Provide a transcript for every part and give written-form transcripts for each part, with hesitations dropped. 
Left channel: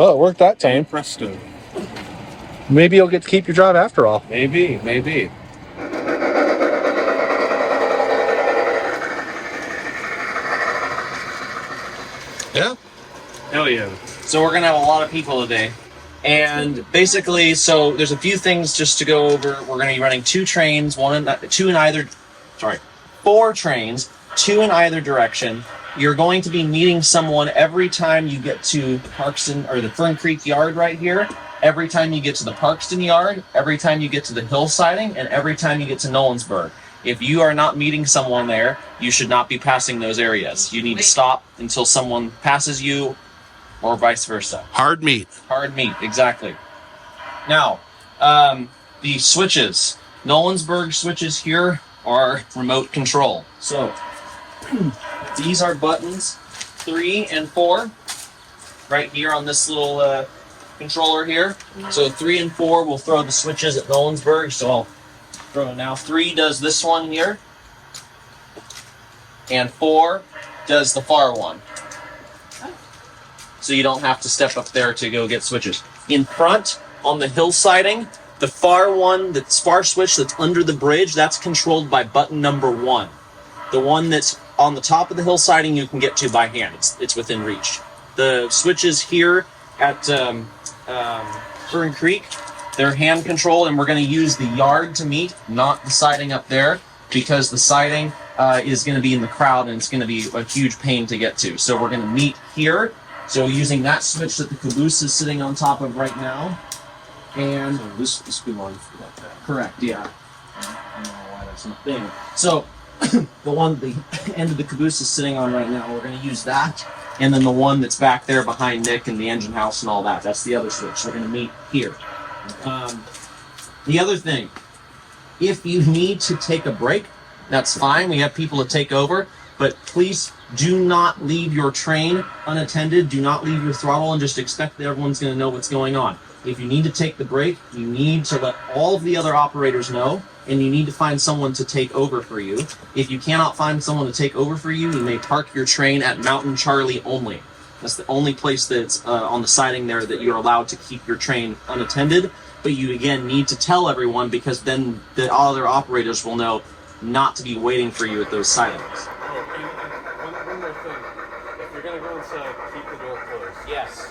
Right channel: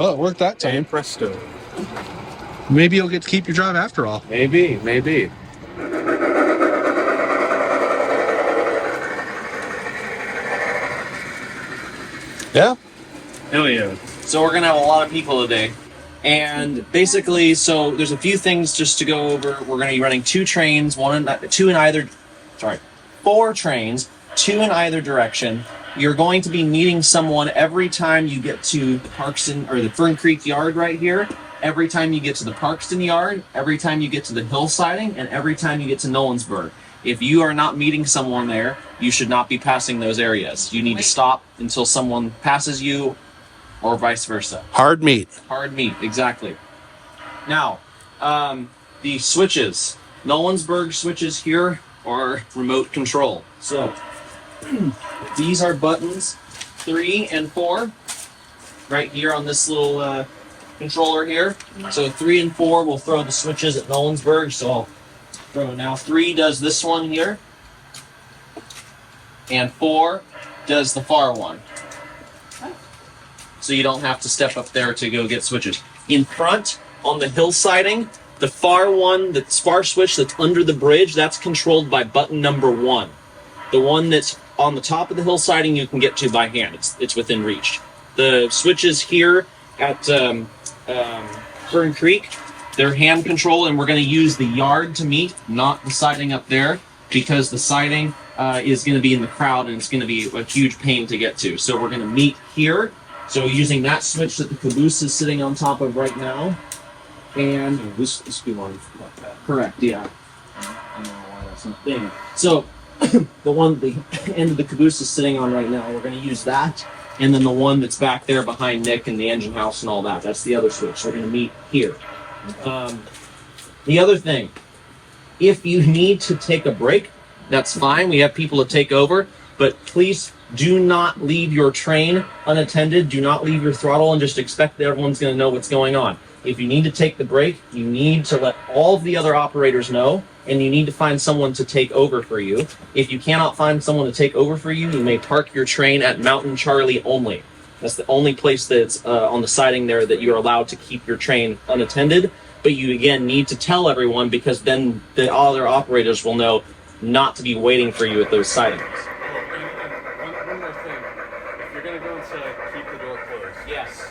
Well, it worked that time. And presto. Maybe you'll get to keep your drive after all. Maybe, maybe. Yeah. Hell yeah. So we're gonna have a lot of people today. And basically, so there's a few things just to go over. We're gonna be running 4 trains, 2 in either direction. You're going to be meeting someone every time you get to Parkston or the Fern Creek Yard right here, every time you get to the Parkston Yard, every time you get to the hill siding, and every time you get to Nolensburg. If you are not meeting someone there, you should not be passing those areas. You need to stop until someone passes you, or vice versa. Hard meat. Hard meat, exactly. Now, the switches. Nolensburg switches here are remote control. So, these are buttons 3 and 4, right here on this little controller here. So 3 and 4 will throw the switches at Nolensburg. So I'll throw it now. 3 does this one here, and 4 does the far one. So you don't have to step up there to go get switches. In front, on the hill siding, the far one, the far switch that's under the bridge, that's controlled by button number 1. The one that's on the top of the hill siding you can get to by hand. It's within reach. The switches here at Fern Creek, they're hand controlled, and we're going to use the yard to meet, not the siding up there, because the siding is going to be in the crowd and it's going to be a huge pain to get to. So we're going to meet here. So using that switch that the caboose is sitting on top of right now, and this belongs like that. Correct, yeah. I don't know why that's not there. So the end of the caboose is sitting on right now, we're going to use that, and then the one that's back there behind Nick and the engine house and all that, that's the other switch. We're going to meet here. The other thing, if you need to take a break, that's fine. We have people to take over, but please do not leave your train unattended. Do not leave your throttle and just expect that everyone's going to know what's going on. If you need to take the break, you need to let all of the other operators know, and you need to find someone to take over for you. If you cannot find someone to take over for you, you may park your train at Mountain Charlie only. That's the only place that's on the siding there that you're allowed to keep your train unattended. But you, again, need to tell everyone, because then the other operators will know not to be waiting for you at those sidings. One more thing. If you're going to go inside, keep the door closed. Yes,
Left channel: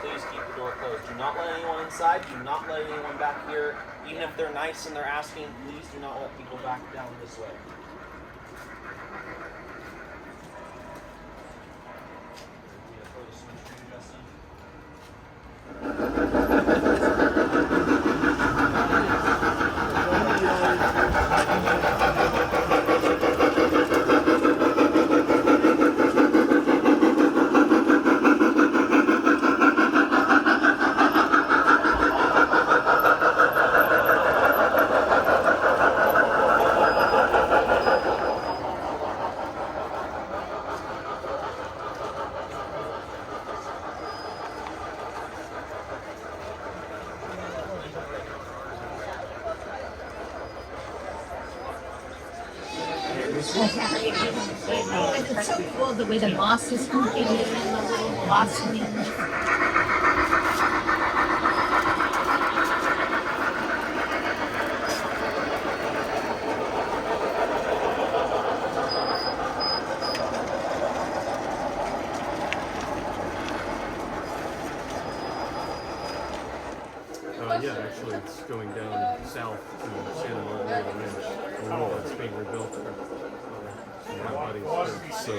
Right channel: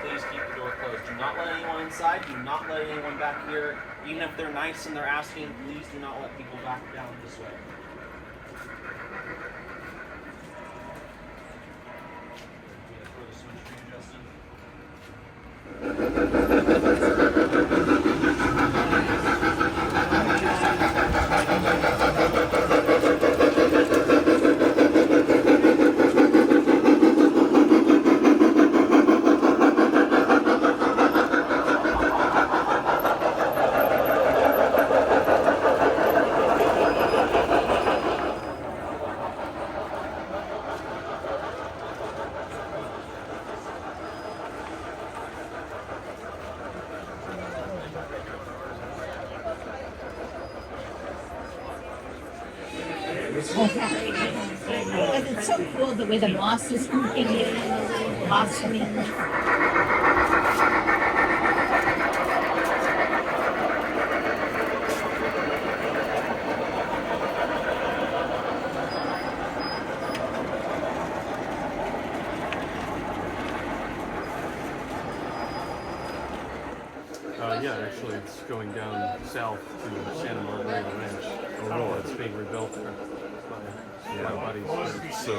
please keep the door closed. Do not let anyone inside. Do not let anyone back here. Even if they're nice and they're asking, please do not let people back down this way. And it's so cool the way the moss is moving in and the little blossoming. Yeah, actually, it's going down south to Santa Maria Ranch. Oh, it's being rebuilt. So everybody's so.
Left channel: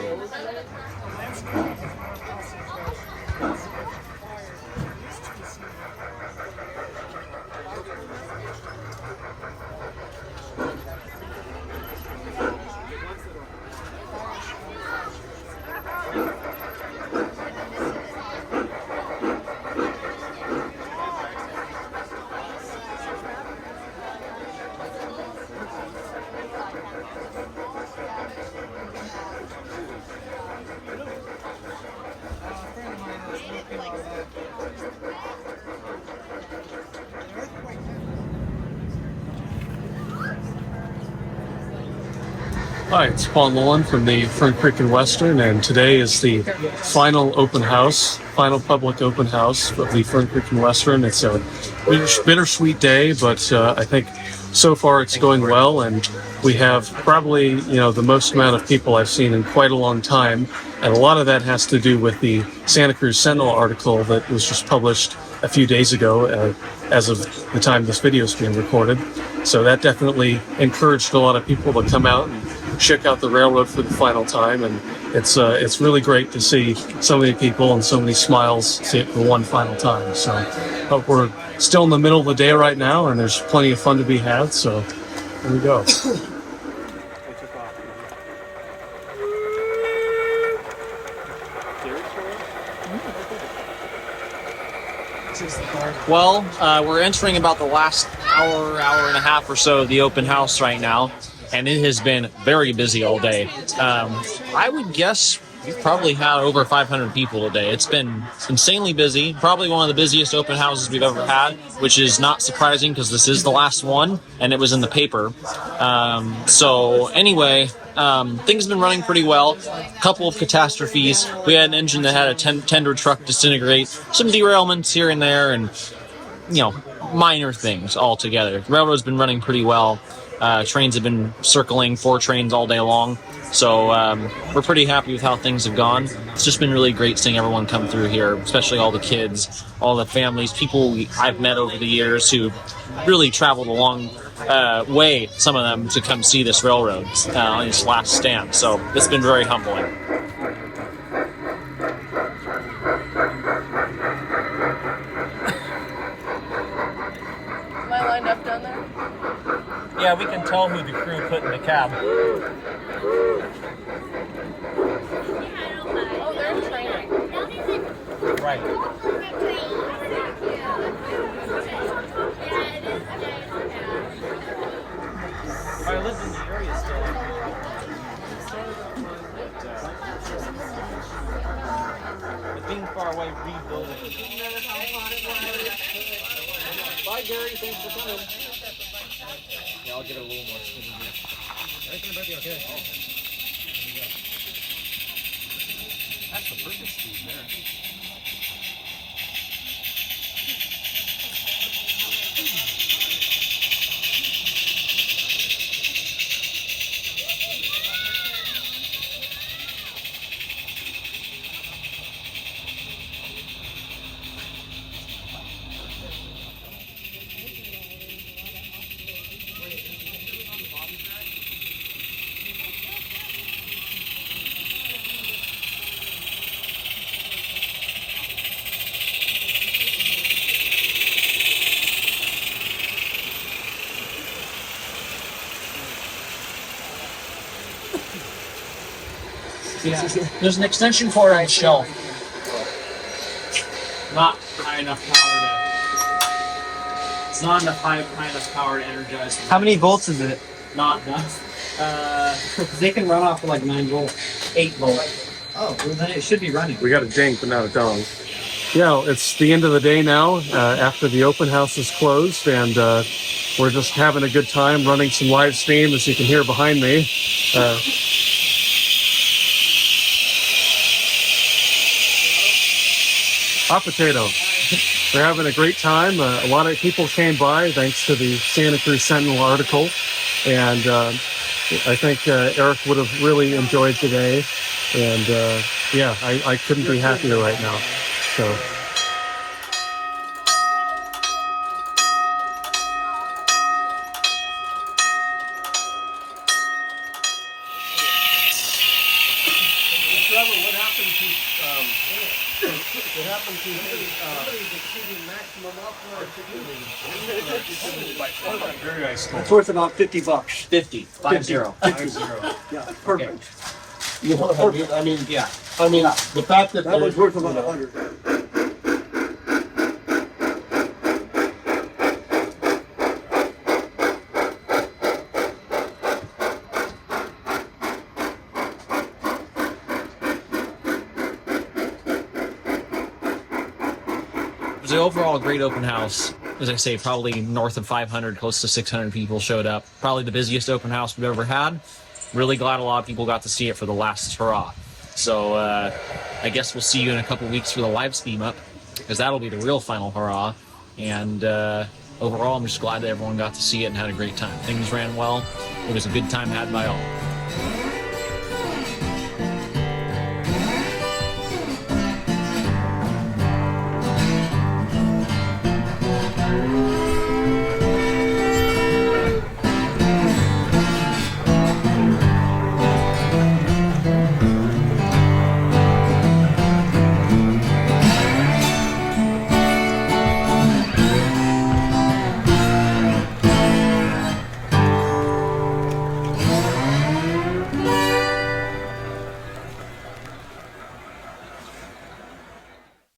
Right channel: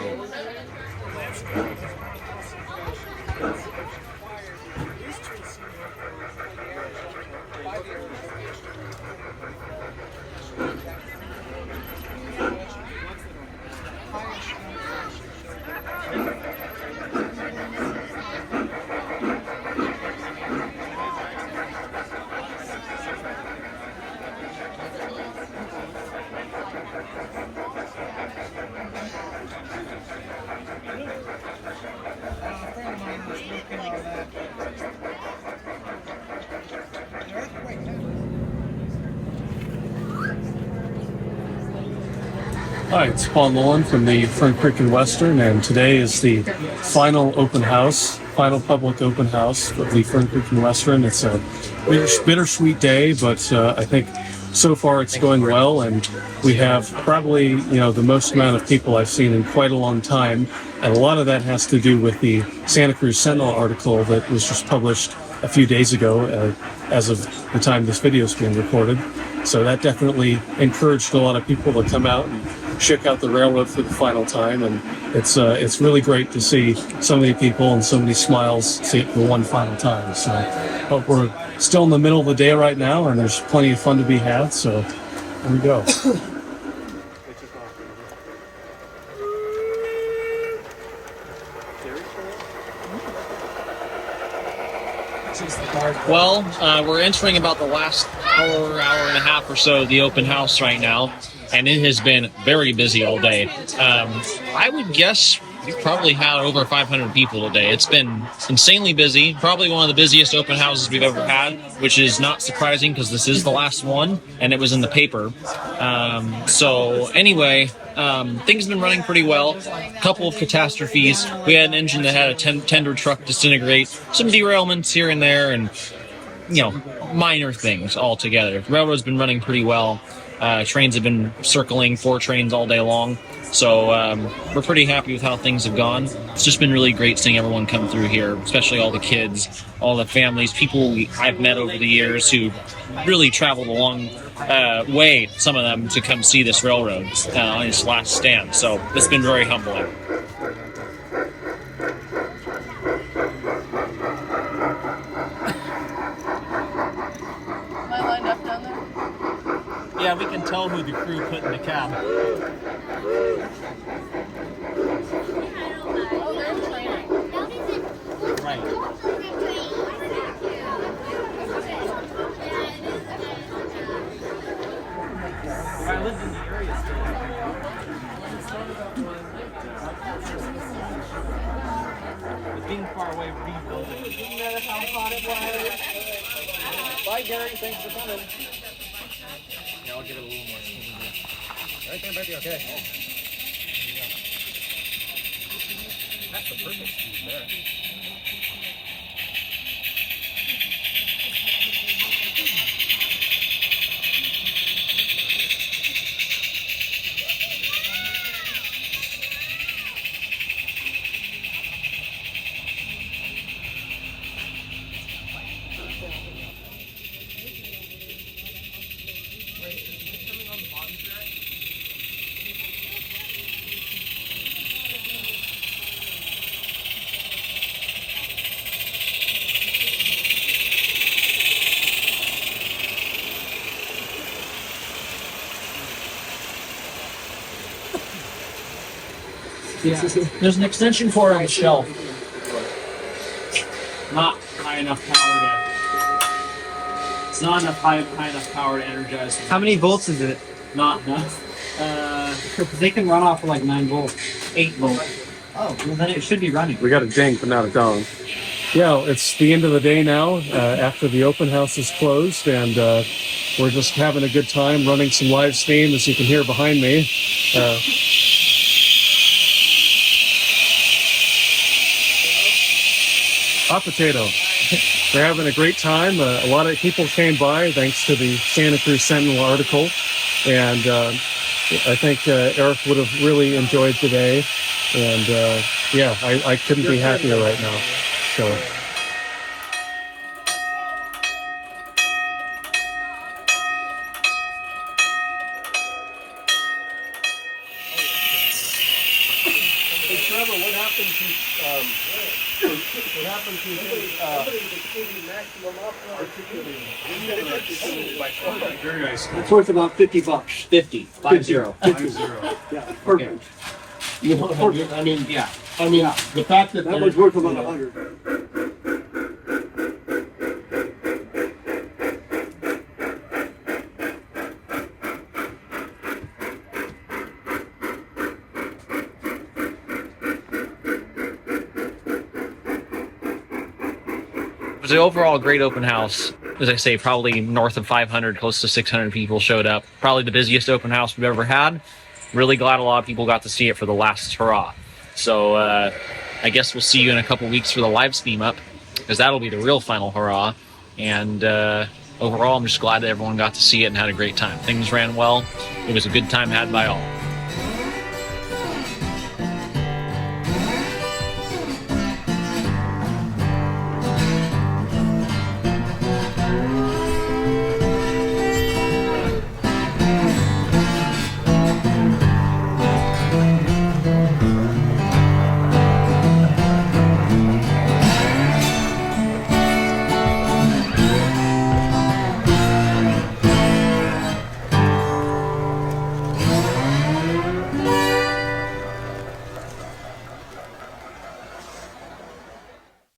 Hi, it's Paul Nolan from the Fern Creek and Western, and today is the final open house, final public open house of the Fern Creek and Western. It's a bittersweet day, but I think so far it's going well, and we have probably, the most amount of people I've seen in quite a long time, and a lot of that has to do with the Santa Cruz Sentinel article that was just published a few days ago, as of the time this video is being recorded. So that definitely encouraged a lot of people to come out and check out the railroad for the final time, and it's really great to see so many people and so many smiles see it for one final time. So we're still in the middle of the day right now, and there's plenty of fun to be had. So here we go. Well, we're entering about the last hour and a half or so of the open house right now, and it has been very busy all day. I would guess we've probably had over 500 people today. It's been insanely busy, probably one of the busiest open houses we've ever had, which is not surprising because this is the last one, and it was in the paper. So anyway, things have been running pretty well. A couple of catastrophes. We had an engine that had a tender truck disintegrate, some derailments here and there, and minor things altogether. The railroad's been running pretty well. Trains have been circling 4 trains all day long. So we're pretty happy with how things have gone. It's just been really great seeing everyone come through here, especially all the kids, all the families, people I've met over the years who really traveled a long way, some of them, to come see this railroad on its last stand. So it's been very humbling. Am I lined up down there? Yeah, we can tell who the crew put in the cab. Oh, they're training. Right. Bye, Gary. Thanks for coming. Yeah, I'll get a little more. Everything might be okay. Oh. That's the perfect speed there. Yeah, there's an extension cord on the shelf. Not high enough power to. It's not enough high enough power to energize. How many volts is it? Not enough. They can run off of like 9 volts. 8 volts. Oh, well then it should be running. We got a ding, but not a dong. Yeah, it's the end of the day now, after the open house is closed, and we're just having a good time running some live steam, as you can hear behind me. Hot potato. We're having a great time. A lot of people came by thanks to the Santa Cruz Sentinel article, and I think Eric would have really enjoyed today. And I couldn't be happier right now. So. Hey Trevor, what happened to Very nice. It's worth about $50. 50. 50. Yeah, perfect. I mean, the fact that That was worth about 100. It was an overall great open house. As I say, probably north of 500, close to 600 people showed up. Probably the busiest open house we've ever had. really glad a lot of people got to see it for the last hurrah. So I guess we'll see you in a couple weeks for the live stream up, because that'll be the real final hurrah. And overall, I'm just glad that everyone got to see it and had a great time. Things ran well. It was a good time had by all.